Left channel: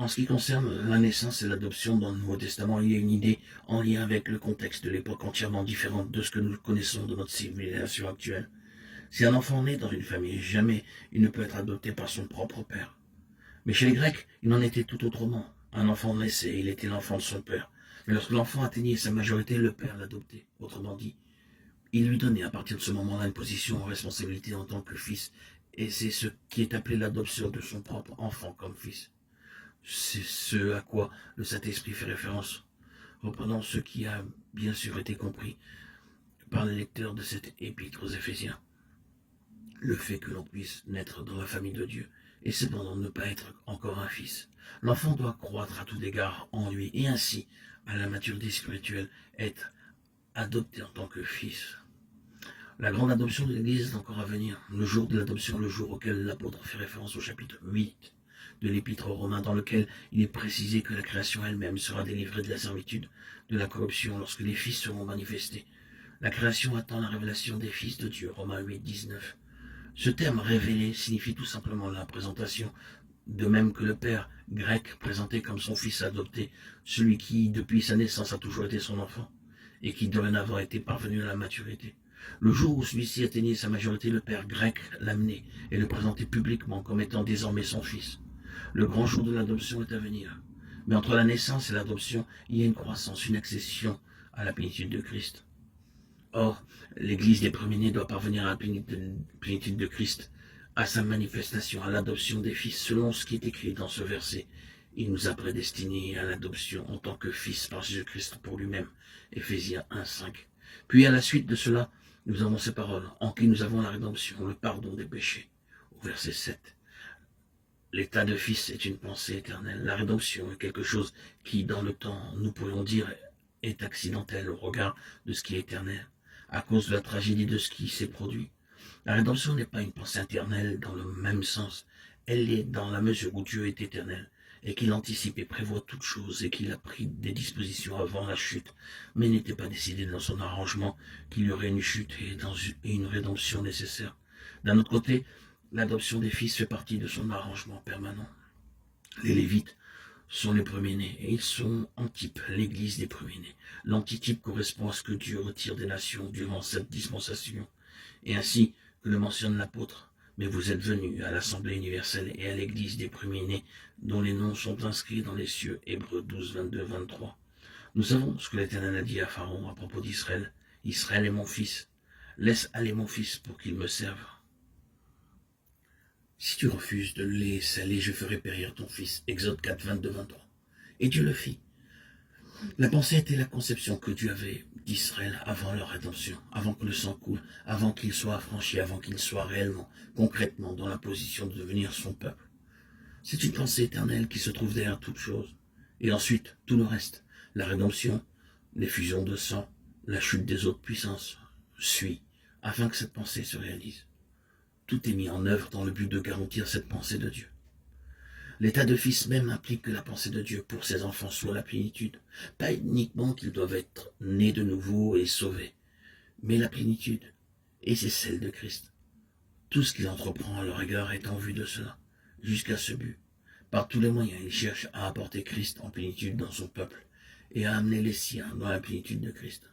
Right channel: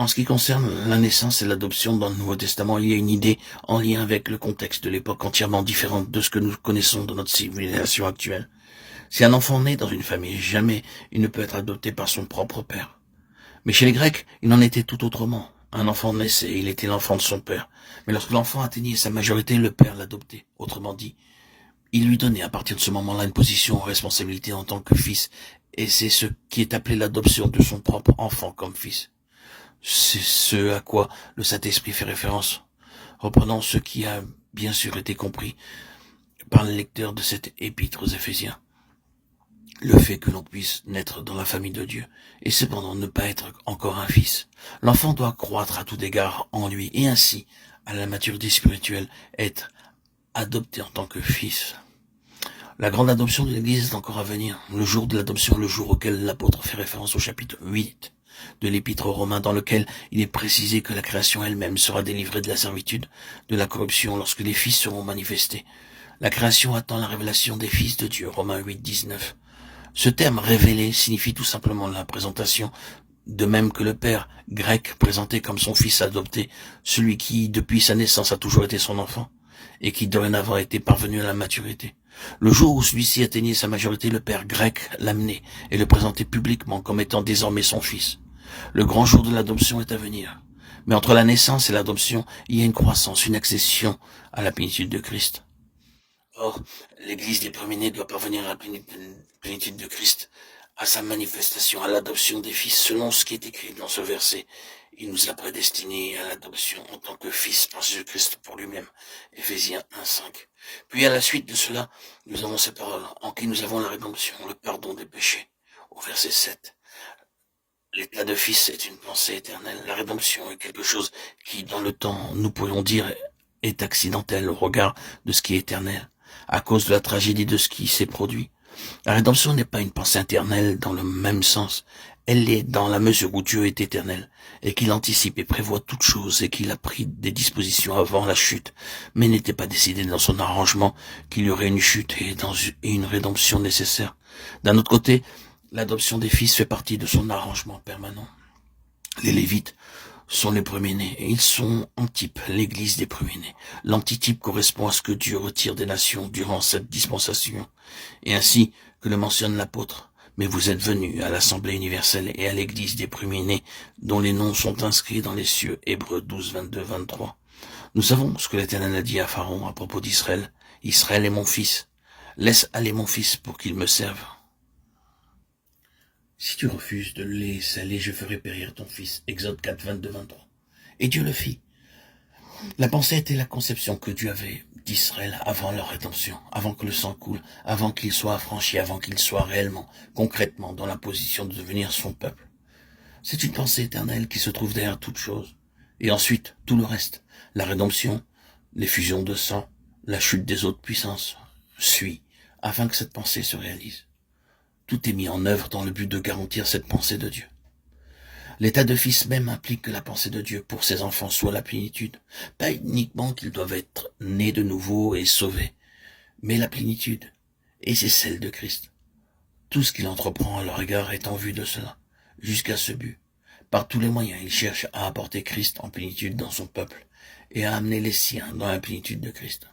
En ce qui concerne la naissance et l'adoption dans le Nouveau Testament, il y a une idée en lien avec le contexte de l'époque entièrement différente de ce que nous connaissons dans notre civilisation actuelle. Si un enfant naît dans une famille, jamais il ne peut être adopté par son propre père. Mais chez les Grecs, il en était tout autrement. Un enfant naissait, il était l'enfant de son père. Mais lorsque l'enfant atteignait sa majorité, le père l'adoptait. Autrement dit, il lui donnait à partir de ce moment-là une position en responsabilité en tant que fils. Et c'est ce qui est appelé l'adoption de son propre enfant comme fils. C'est ce à quoi le Saint-Esprit fait référence, reprenant ce qui a bien sûr été compris par le lecteur de cette épître aux Éphésiens. Le fait que l'on puisse naître dans la famille de Dieu, et cependant ne pas être encore un fils. L'enfant doit croître à tout égard en lui, et ainsi, à la maturité spirituelle, être adopté en tant que fils. La grande adoption de l'Église est encore à venir. Le jour de l'adoption, le jour auquel l'apôtre fait référence au chapitre 8 de l'Épître aux Romains, dans lequel il est précisé que la création elle-même sera délivrée de la servitude, de la corruption, lorsque les fils seront manifestés. La création attend la révélation des fils de Dieu, Romains 8, 19. Ce terme révélé signifie tout simplement la présentation, de même que le père grec présenté comme son fils adopté, celui qui, depuis sa naissance, a toujours été son enfant, et qui dorénavant était parvenu à la maturité. Le jour où celui-ci atteignait sa majorité, le père grec l'amenait et le présentait publiquement comme étant désormais son fils. Le grand jour de l'adoption est à venir. Mais entre la naissance et l'adoption, il y a une croissance, une accession à la plénitude de Christ. Or, l'Église des premiers-nés doit parvenir à la plénitude de Christ, à sa manifestation, à l'adoption des fils, selon ce qui est écrit dans ce verset. Il nous a prédestinés à l'adoption en tant que fils par Jésus-Christ pour lui-même. Éphésiens 1, 5. Puis à la suite de cela, nous avons ces paroles, en qui nous avons la rédemption, le pardon des péchés. Au verset 7. L'état de fils est une pensée éternelle. La rédemption est quelque chose qui, dans le temps, nous pourrions dire, est accidentel au regard de ce qui est éternel, à cause de la tragédie de ce qui s'est produit. La rédemption n'est pas une pensée éternelle dans le même sens. Elle l'est dans la mesure où Dieu est éternel, et qu'il anticipe et prévoit toutes choses, et qu'il a pris des dispositions avant la chute, mais n'était pas décidé dans son arrangement qu'il y aurait une chute et une rédemption nécessaire. D'un autre côté, l'adoption des fils fait partie de son arrangement permanent. Les Lévites sont les premiers-nés, et ils sont en type l'église des premiers-nés. L'antitype correspond à ce que Dieu retire des nations durant cette dispensation, et ainsi que le mentionne l'apôtre. Mais vous êtes venus à l'Assemblée universelle et à l'église des premiers-nés, dont les noms sont inscrits dans les cieux. Hébreux 12, 22, 23. Nous savons ce que l'Éternel a dit à Pharaon à propos d'Israël. Israël est mon fils. Laisse aller mon fils pour qu'il me serve. Si tu refuses de le laisser aller, je ferai périr ton fils. Exode 4, 22, 23. Et Dieu le fit. La pensée était la conception que Dieu avait d'Israël avant leur rédemption, avant que le sang coule, avant qu'il soit affranchi, avant qu'il soit réellement, concrètement, dans la position de devenir son peuple. C'est une pensée éternelle qui se trouve derrière toute chose. Et ensuite, tout le reste, la rédemption, l'effusion de sang, la chute des autres puissances, suit, afin que cette pensée se réalise. Tout est mis en œuvre dans le but de garantir cette pensée de Dieu. L'état de fils même implique que la pensée de Dieu pour ses enfants soit la plénitude. Pas uniquement qu'ils doivent être nés de nouveau et sauvés, mais la plénitude, et c'est celle de Christ. Tout ce qu'il entreprend à leur égard est en vue de cela, jusqu'à ce but. Par tous les moyens, il cherche à apporter Christ en plénitude dans son peuple, et à amener les siens dans la plénitude de Christ.